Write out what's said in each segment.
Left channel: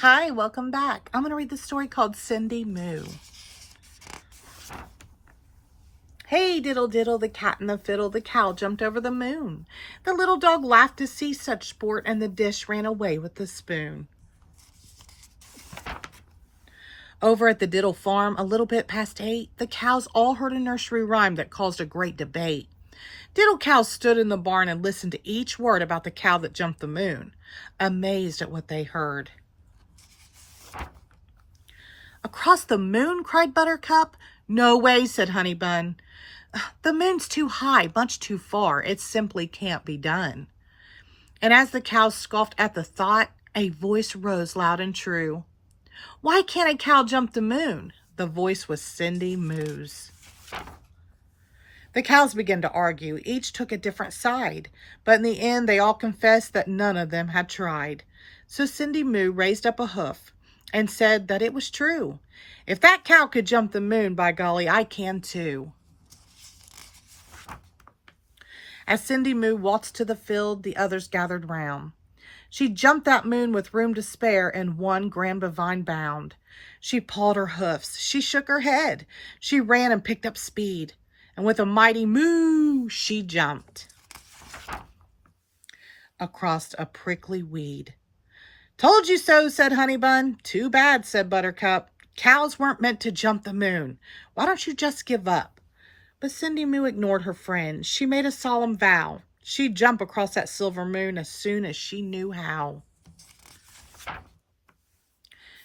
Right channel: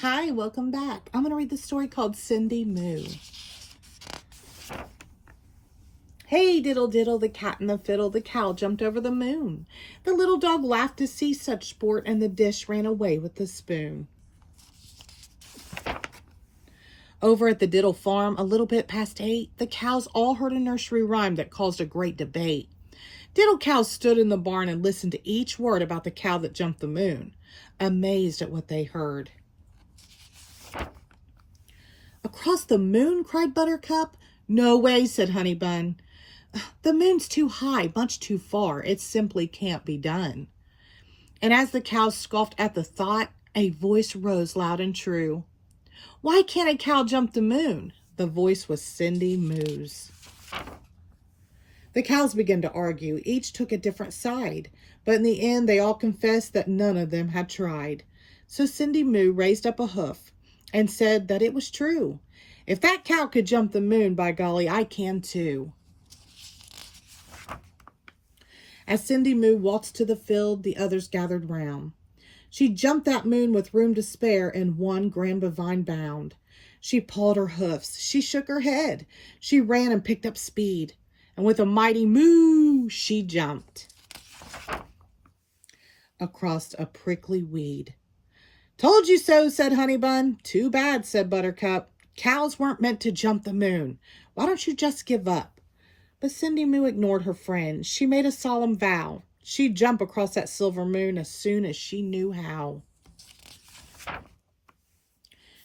Hi, welcome back. I'm going to read the story called Cindy Moo. Hey, diddle diddle, the cat and the fiddle, the cow jumped over the moon. The little dog laughed to see such sport, and the dish ran away with the spoon. Over at the diddle farm, a little bit past 8, the cows all heard a nursery rhyme that caused a great debate. Diddle cows stood in the barn and listened to each word about the cow that jumped the moon, amazed at what they heard. Across the moon, cried Buttercup. No way, said Honeybun. The moon's too high, much too far. It simply can't be done. And as the cows scoffed at the thought, a voice rose loud and true. Why can't a cow jump the moon? The voice was Cindy Moo's. The cows began to argue. Each took a different side. But in the end, they all confessed that none of them had tried. So Cindy Moo raised up a hoof and said that it was true. If that cow could jump the moon, by golly, I can too. As Cindy Moo waltzed to the field, the others gathered round. She jumped that moon with room to spare in one grand bovine bound. She pawed her hoofs, she shook her head, she ran and picked up speed, and with a mighty moo, she jumped across a prickly weed. Told you so, said Honeybun. Too bad, said Buttercup. Cows weren't meant to jump the moon. Why don't you just give up? But Cindy Moo ignored her friend. She made a solemn vow. She'd jump across that silver moon as soon as she knew how.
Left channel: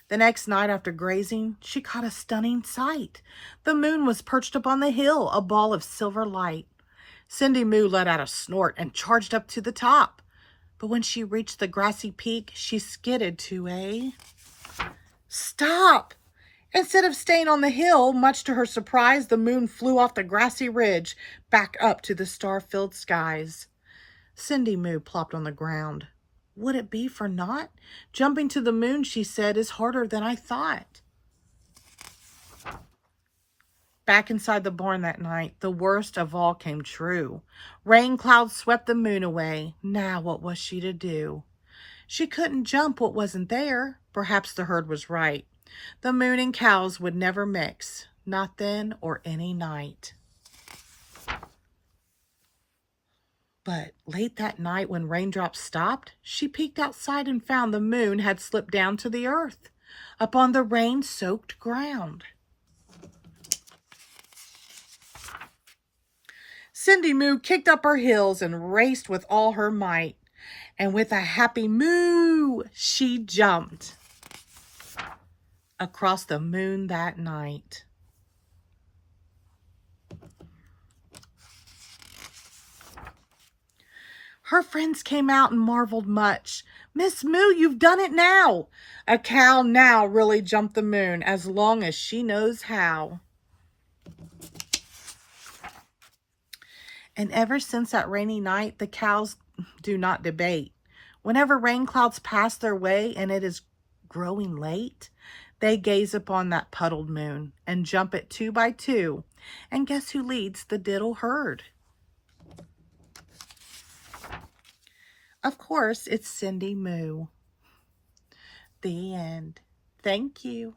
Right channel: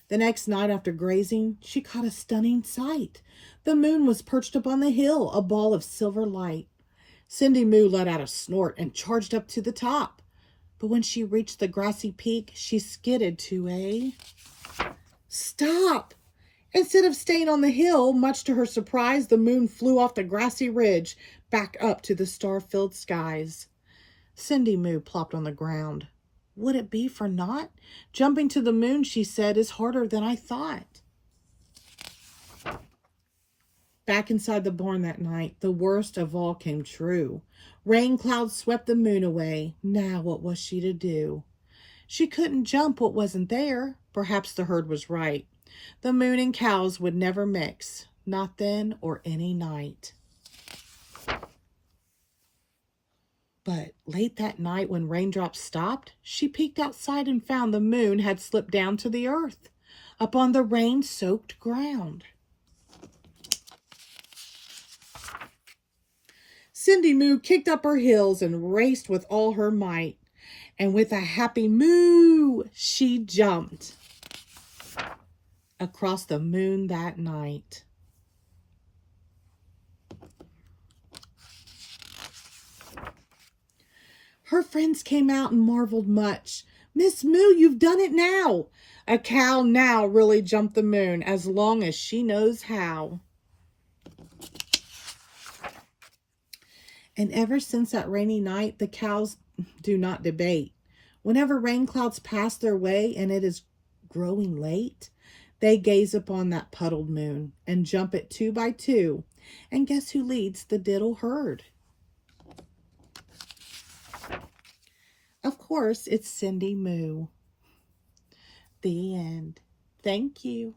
The next night after grazing, she caught a stunning sight. The moon was perched upon the hill, a ball of silver light. Cindy Moo let out a snort and charged up to the top. But when she reached the grassy peak, she skidded to a stop. Instead of staying on the hill, much to her surprise, the moon flew off the grassy ridge back up to the star-filled skies. Cindy Moo plopped on the ground. Would it be for naught? Jumping to the moon, she said, is harder than I thought. Back inside the barn that night, the worst of all came true. Rain clouds swept the moon away. Now what was she to do? She couldn't jump what wasn't there. Perhaps the herd was right. The moon and cows would never mix, not then or any night. But late that night when raindrops stopped, she peeked outside and found the moon had slipped down to the earth, upon the rain-soaked ground. Cindy Moo kicked up her heels and raced with all her might. And with a happy moo, she jumped across the moon that night. Her friends came out and marveled much. Miss Moo, you've done it now. A cow now really jumped the moon as long as she knows how. And ever since that rainy night, the cows do not debate. Whenever rain clouds pass their way and it is growing late, they gaze upon that puddled moon and jump it 2 by 2. And guess who leads the diddle herd? Of course, it's Cindy Moo. The end. Thank you.